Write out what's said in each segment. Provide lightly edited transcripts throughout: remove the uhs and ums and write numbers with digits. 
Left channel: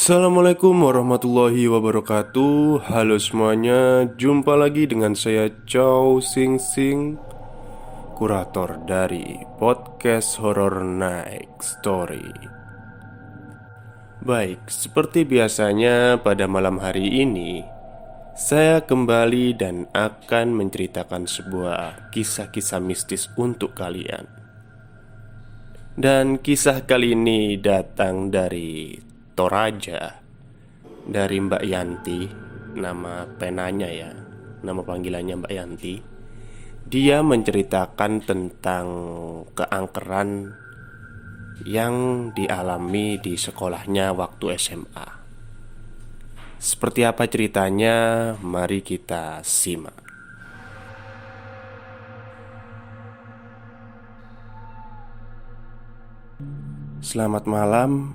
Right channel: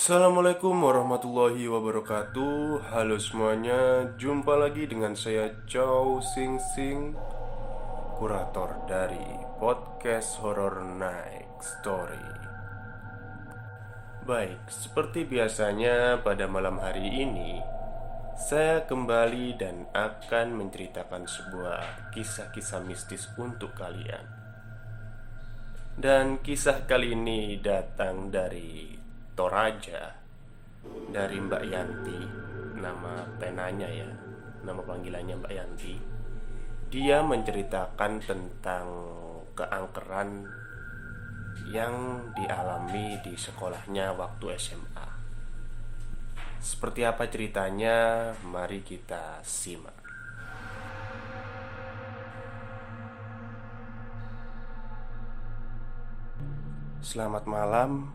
Assalamualaikum warahmatullahi wabarakatuh. Halo semuanya, jumpa lagi dengan saya Chow Sing Sing, kurator dari podcast Horror Night Story. Baik, seperti biasanya pada malam hari ini saya kembali dan akan menceritakan sebuah kisah-kisah mistis untuk kalian. Dan kisah kali ini datang dari Toraja, dari Mbak Yanti. Nama penanya ya, nama panggilannya Mbak Yanti. Dia menceritakan tentang keangkeran yang dialami di sekolahnya waktu SMA. Seperti apa ceritanya? Mari kita simak. Selamat malam.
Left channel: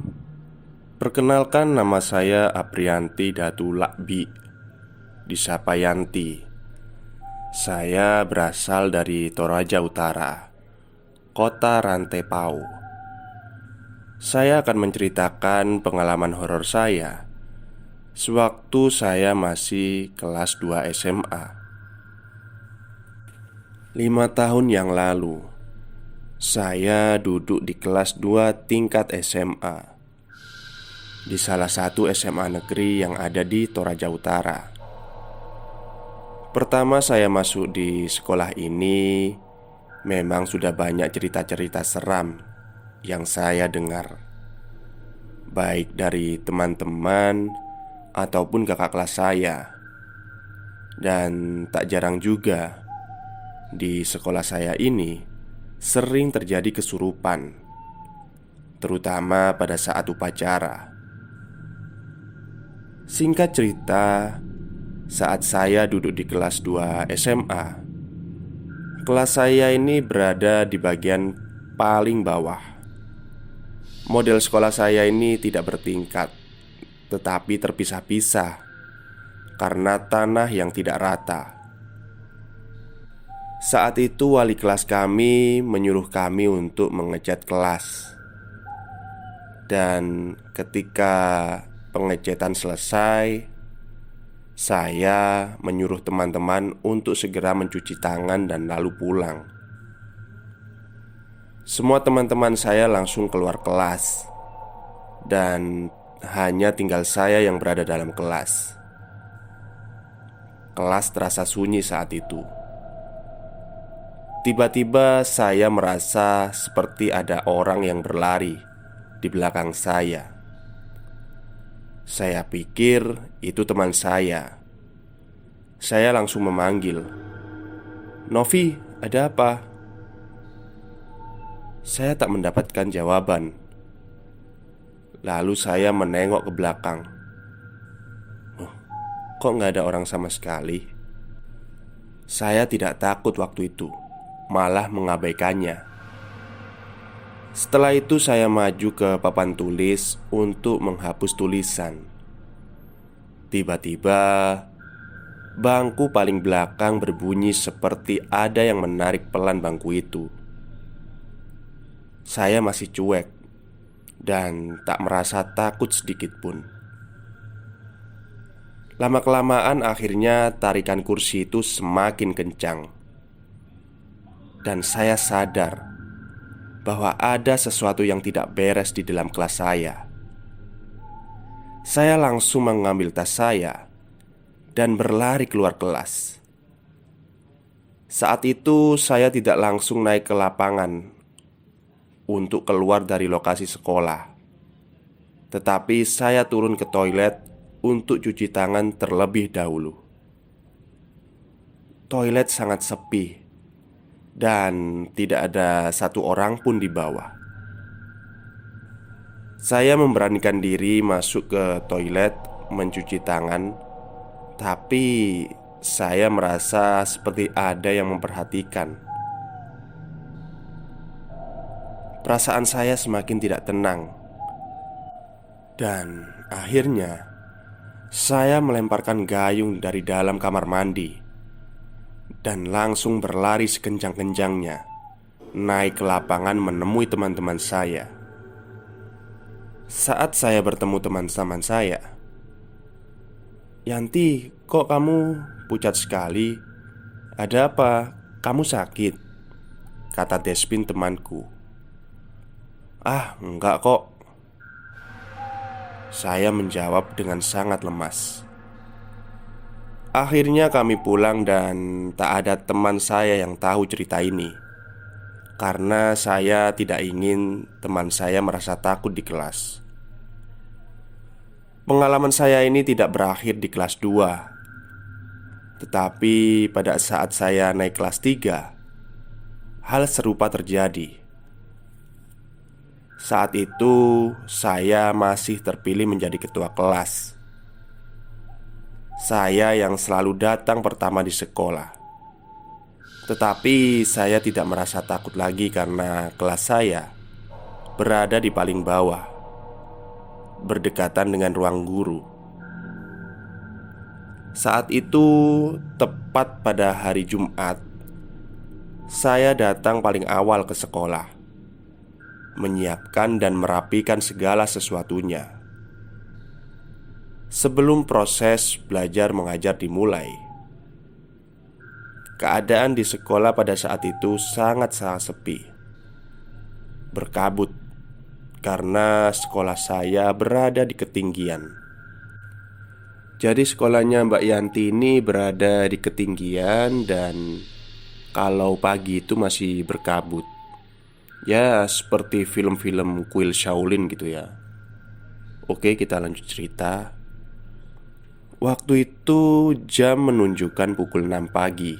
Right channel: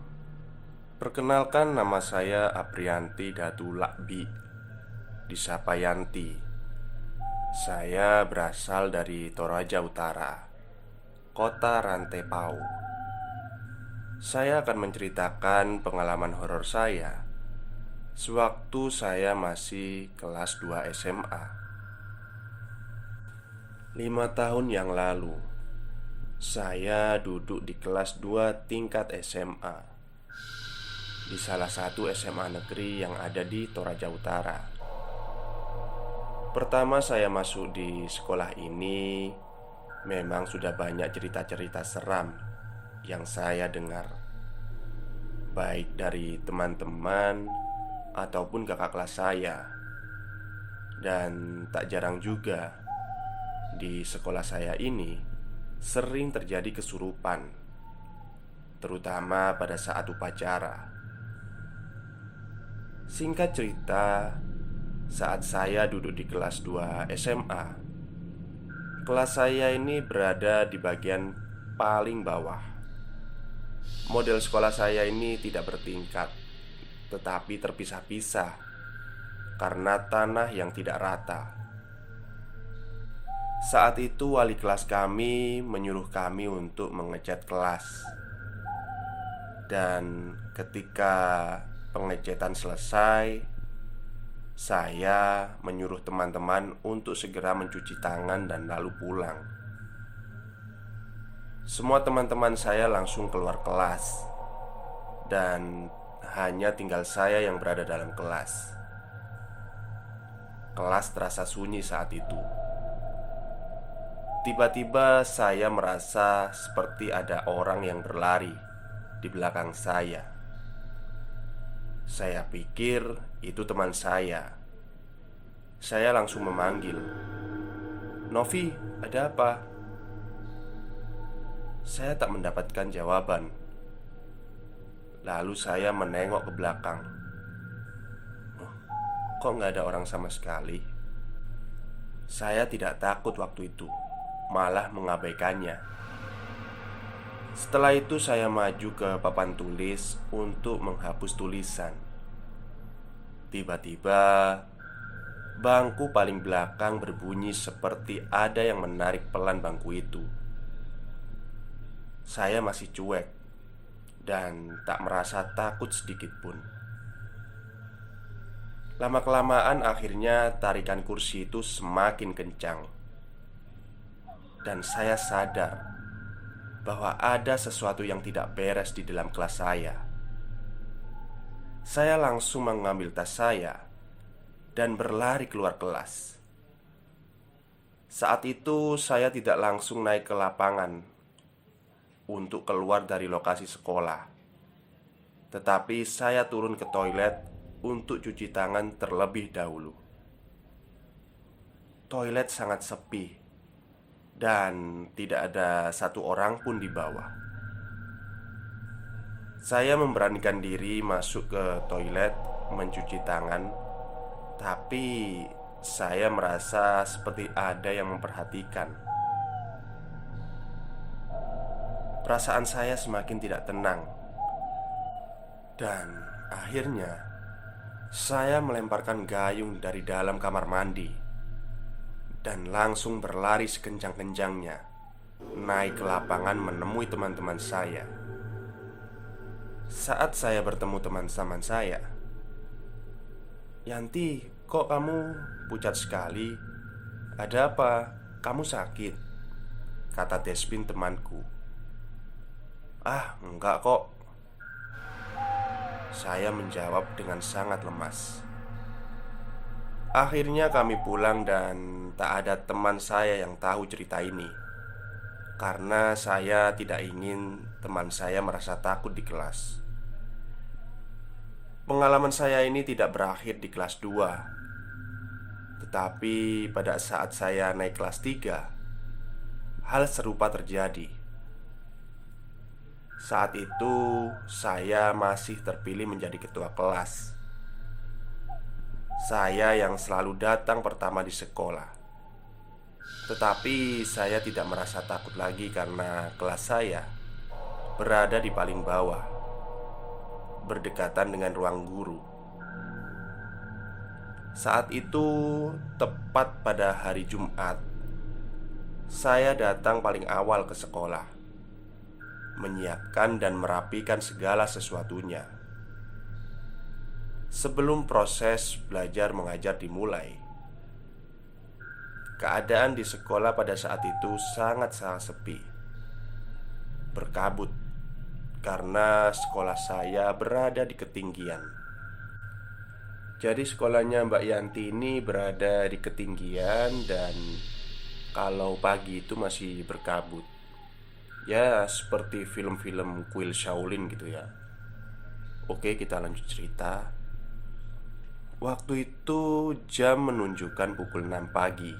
Perkenalkan, nama saya Aprianti Datu Lakbi, disapa Yanti. Saya berasal dari Toraja Utara, kota Rantepau. Saya akan menceritakan pengalaman horor saya sewaktu saya masih kelas 2 SMA. 5 tahun yang lalu, saya duduk di kelas 2 tingkat SMA di salah satu SMA negeri yang ada di Toraja Utara. Pertama saya masuk di sekolah ini, memang sudah banyak cerita-cerita seram yang saya dengar, baik dari teman-teman ataupun kakak kelas saya. Dan tak jarang juga di sekolah saya ini sering terjadi kesurupan, terutama pada saat upacara. Singkat cerita, saat saya duduk di kelas 2 SMA, kelas saya ini berada di bagian paling bawah. Model sekolah saya ini tidak bertingkat, tetapi terpisah-pisah karena tanah yang tidak rata. Saat itu wali kelas kami menyuruh kami untuk mengecat kelas. Dan ketika pengecatan selesai, saya menyuruh teman-teman untuk segera mencuci tangan dan lalu pulang. Semua teman-teman saya langsung keluar kelas, dan hanya tinggal saya yang berada dalam kelas. Kelas terasa sunyi saat itu. Tiba-tiba saya merasa seperti ada orang yang berlari di belakang saya. Saya pikir itu teman saya. Saya langsung memanggil, "Novi, ada apa?" Saya tak mendapatkan jawaban. Lalu saya menengok ke belakang. Oh, kok nggak ada orang sama sekali? Saya tidak takut waktu itu, malah mengabaikannya. Setelah itu saya maju ke papan tulis untuk menghapus tulisan. Tiba-tiba bangku paling belakang berbunyi seperti ada yang menarik pelan bangku itu. Saya masih cuek dan tak merasa takut sedikit pun. Lama-kelamaan akhirnya tarikan kursi itu semakin kencang, dan saya sadar bahwa ada sesuatu yang tidak beres di dalam kelas saya. Saya langsung mengambil tas saya dan berlari keluar kelas. Saat itu saya tidak langsung naik ke lapangan untuk keluar dari lokasi sekolah, tetapi saya turun ke toilet untuk cuci tangan terlebih dahulu. Toilet sangat sepi dan tidak ada satu orang pun di bawah. Saya memberanikan diri masuk ke toilet mencuci tangan, tapi saya merasa seperti ada yang memperhatikan. Perasaan saya semakin tidak tenang, dan akhirnya saya melemparkan gayung dari dalam kamar mandi dan langsung berlari sekencang-kencangnya naik ke lapangan menemui teman-teman saya. Saat saya bertemu teman-teman saya, "Yanti, kok kamu pucat sekali? Ada apa? Kamu sakit?" kata Despin temanku. "Ah, enggak kok," saya menjawab dengan sangat lemas. Akhirnya kami pulang dan tak ada teman saya yang tahu cerita ini. Karena saya tidak ingin teman saya merasa takut di kelas. Pengalaman saya ini tidak berakhir di kelas 2, tetapi pada saat saya naik kelas 3, hal serupa terjadi. Saat itu saya masih terpilih menjadi ketua kelas. Saya yang selalu datang pertama di sekolah. Tetapi saya tidak merasa takut lagi karena kelas saya berada di paling bawah, berdekatan dengan ruang guru. Saat itu, tepat pada hari Jumat, saya datang paling awal ke sekolah, menyiapkan dan merapikan segala sesuatunya. Sebelum proses belajar mengajar dimulai, keadaan di sekolah pada saat itu sangat-sangat sepi, berkabut, karena sekolah saya berada di ketinggian. Jadi sekolahnya Mbak Yanti ini berada di ketinggian dan kalau pagi itu masih berkabut. Ya seperti film-film kuil Shaolin gitu ya. Oke, kita lanjut cerita. Waktu itu jam menunjukkan pukul 6 pagi.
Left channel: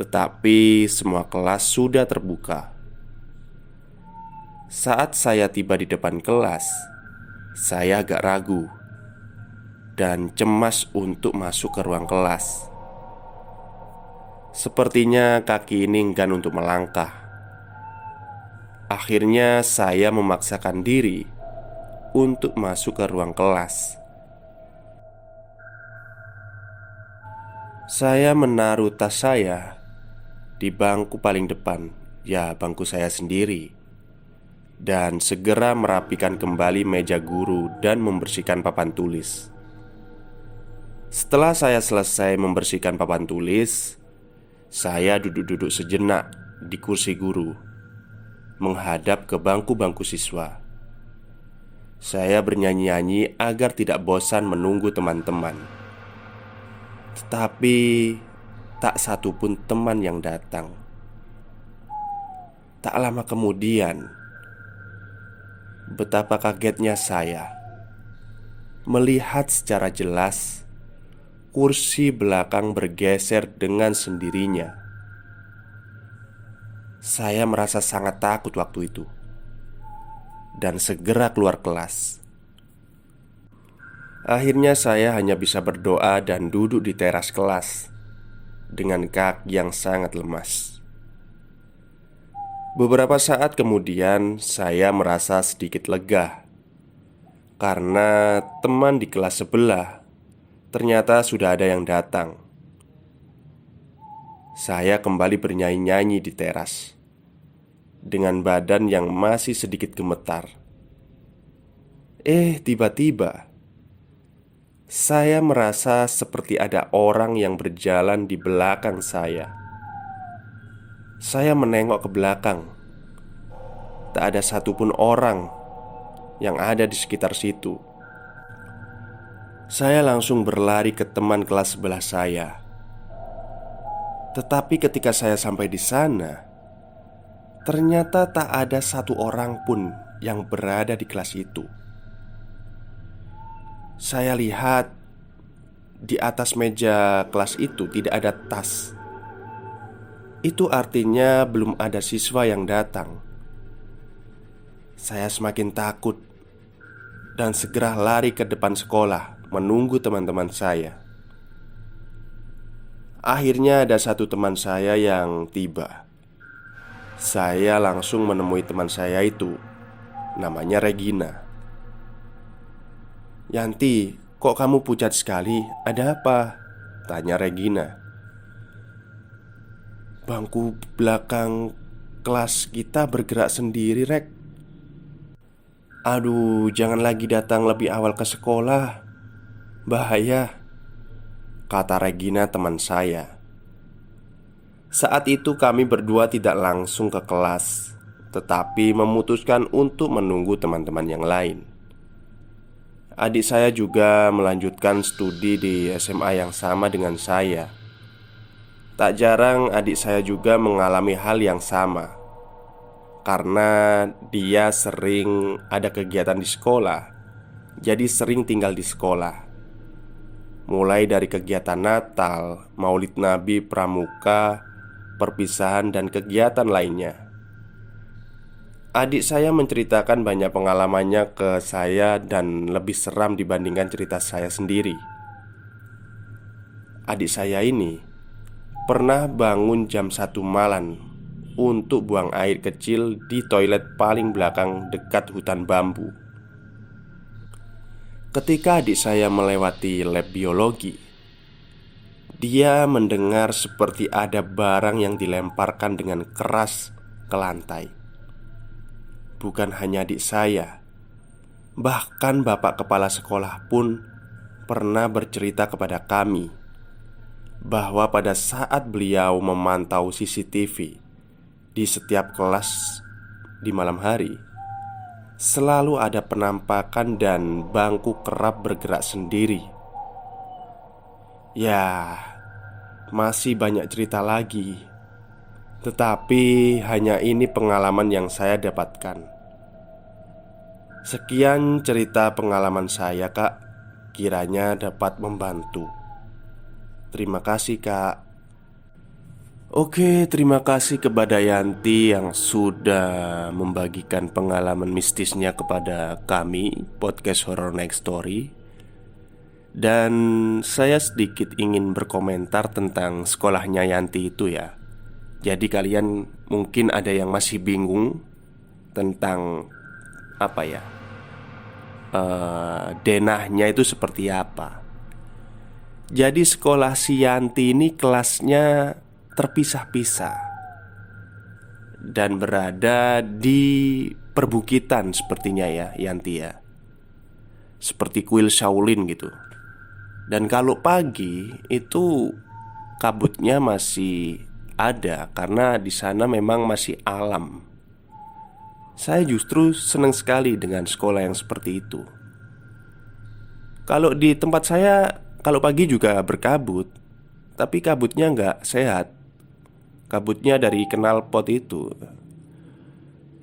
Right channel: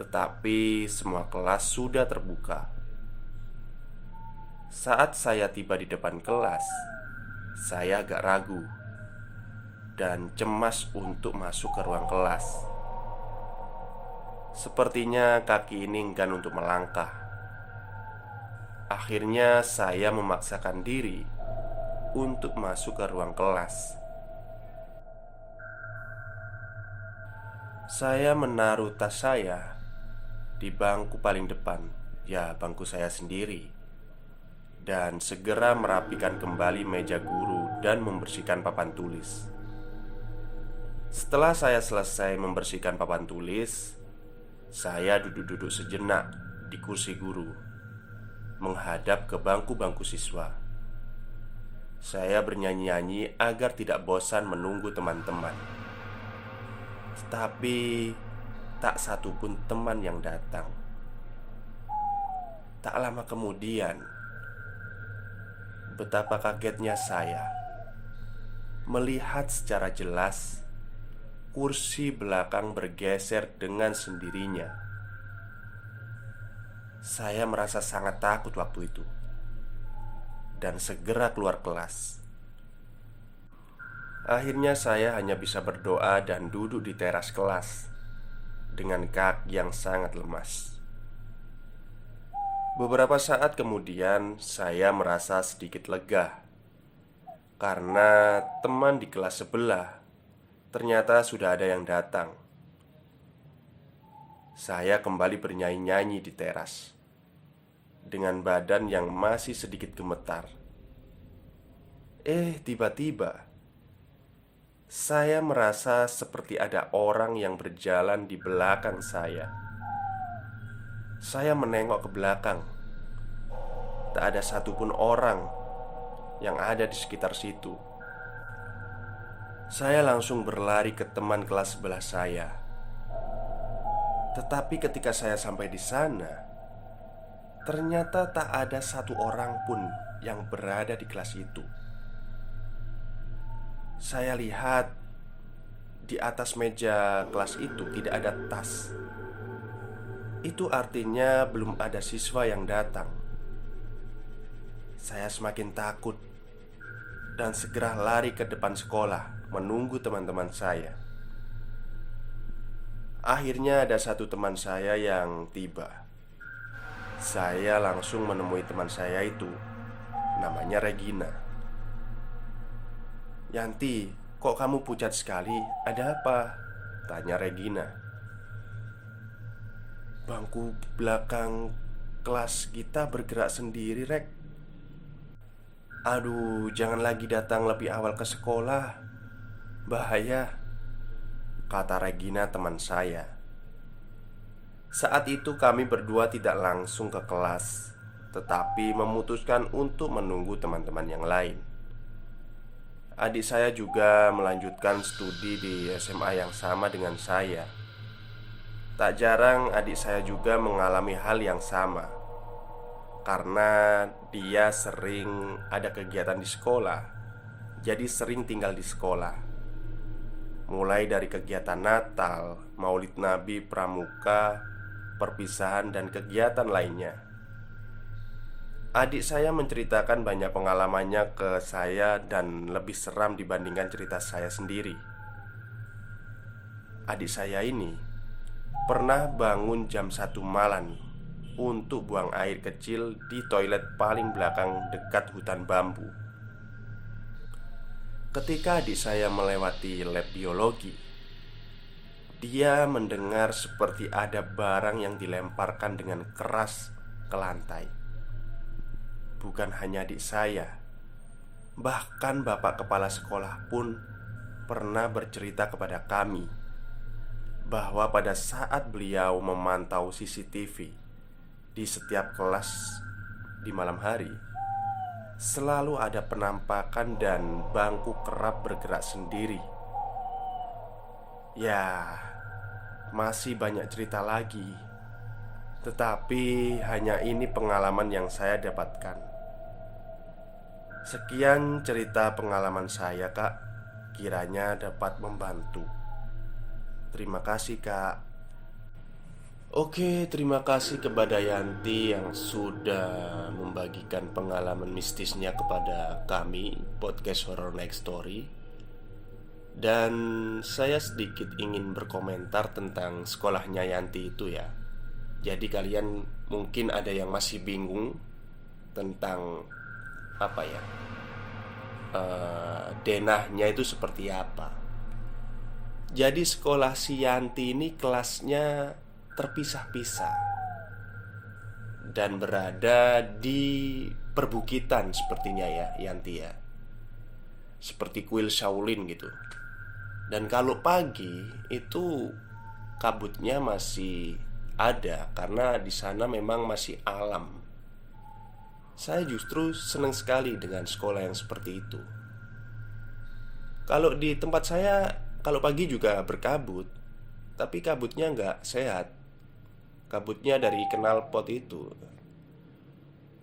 Tetapi semua kelas sudah terbuka. Saat saya tiba di depan kelas, saya agak ragu dan cemas untuk masuk ke ruang kelas. Sepertinya kaki ini enggan untuk melangkah. Akhirnya saya memaksakan diri untuk masuk ke ruang kelas. Saya menaruh tas saya di bangku paling depan, ya bangku saya sendiri, dan segera merapikan kembali meja guru dan membersihkan papan tulis. Setelah saya selesai membersihkan papan tulis, saya duduk-duduk sejenak di kursi guru, menghadap ke bangku-bangku siswa. Saya bernyanyi-nyanyi agar tidak bosan menunggu teman-teman. Tetapi tak satu pun teman yang datang. Tak lama kemudian, betapa kagetnya saya melihat secara jelas kursi belakang bergeser dengan sendirinya. Saya merasa sangat takut waktu itu dan segera keluar kelas. Akhirnya saya hanya bisa berdoa dan duduk di teras kelas dengan kaki yang sangat lemas. Beberapa saat kemudian saya merasa sedikit lega karena teman di kelas sebelah ternyata sudah ada yang datang. Saya kembali bernyanyi-nyanyi di teras dengan badan yang masih sedikit gemetar. Tiba-tiba saya merasa seperti ada orang yang berjalan di belakang saya. Saya menengok ke belakang. Tak ada satupun orang yang ada di sekitar situ. Saya langsung berlari ke teman kelas sebelah saya. Tetapi ketika saya sampai di sana, ternyata tak ada satu orang pun yang berada di kelas itu. Saya lihat di atas meja kelas itu tidak ada tas. Itu artinya belum ada siswa yang datang. Saya semakin takut dan segera lari ke depan sekolah menunggu teman-teman saya. Akhirnya ada satu teman saya yang tiba. Saya langsung menemui teman saya itu. Namanya Regina. "Yanti, kok kamu pucat sekali? Ada apa?" tanya Regina. "Bangku belakang kelas kita bergerak sendiri, Rek," "Aduh, jangan lagi datang lebih awal ke sekolah. Bahaya," kata Regina teman saya. Saat itu kami berdua tidak langsung ke kelas, tetapi memutuskan untuk menunggu teman-teman yang lain. Adik saya juga melanjutkan studi di SMA yang sama dengan saya. Tak jarang adik saya juga mengalami hal yang sama karena dia sering ada kegiatan di sekolah, jadi sering tinggal di sekolah. Mulai dari kegiatan Natal, Maulid Nabi, Pramuka, perpisahan, dan kegiatan lainnya. Adik saya menceritakan banyak pengalamannya ke saya dan lebih seram dibandingkan cerita saya sendiri. Adik saya ini pernah bangun jam 1 malam untuk buang air kecil di toilet paling belakang dekat hutan bambu. Ketika adik saya melewati lab biologi, dia mendengar seperti ada barang yang dilemparkan dengan keras ke lantai. Bukan hanya adik saya, bahkan bapak kepala sekolah pun pernah bercerita kepada kami bahwa pada saat beliau memantau CCTV di setiap kelas di malam hari, selalu ada penampakan dan bangku kerap bergerak sendiri. Ya, masih banyak cerita lagi, tetapi hanya ini pengalaman yang saya dapatkan. Sekian cerita pengalaman saya, Kak. Kiranya dapat membantu. Terima kasih, Kak. Oke, terima kasih kepada Yanti yang sudah membagikan pengalaman mistisnya kepada kami, podcast Horror Next Story. Dan saya sedikit ingin berkomentar tentang sekolahnya Yanti itu ya. Jadi kalian mungkin ada yang masih bingung tentang apa ya, denahnya itu seperti apa. Jadi sekolah si Yanti ini kelasnya terpisah-pisah dan berada di perbukitan sepertinya ya Yanti ya. Seperti kuil Shaolin gitu. Dan kalau pagi itu kabutnya masih ada karena di sana memang masih alam. Saya justru senang sekali dengan sekolah yang seperti itu. Kalau di tempat saya, kalau pagi juga berkabut, tapi kabutnya nggak sehat. Kabutnya dari knalpot itu.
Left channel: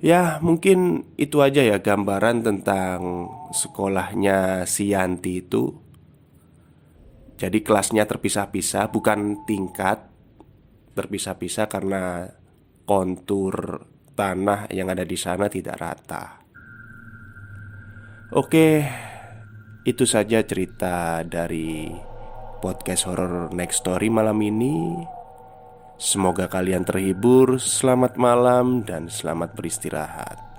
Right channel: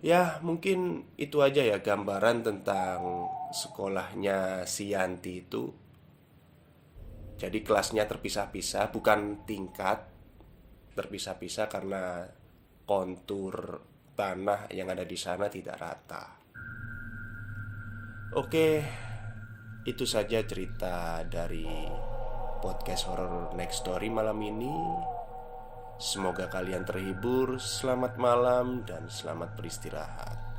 Ya mungkin itu aja ya gambaran tentang sekolahnya si Yanti itu. Jadi kelasnya terpisah-pisah, bukan tingkat. Terpisah-pisah karena kontur tanah yang ada di sana tidak rata. Oke, itu saja cerita dari podcast Horror Next Story malam ini. Semoga kalian terhibur. Selamat malam dan selamat beristirahat.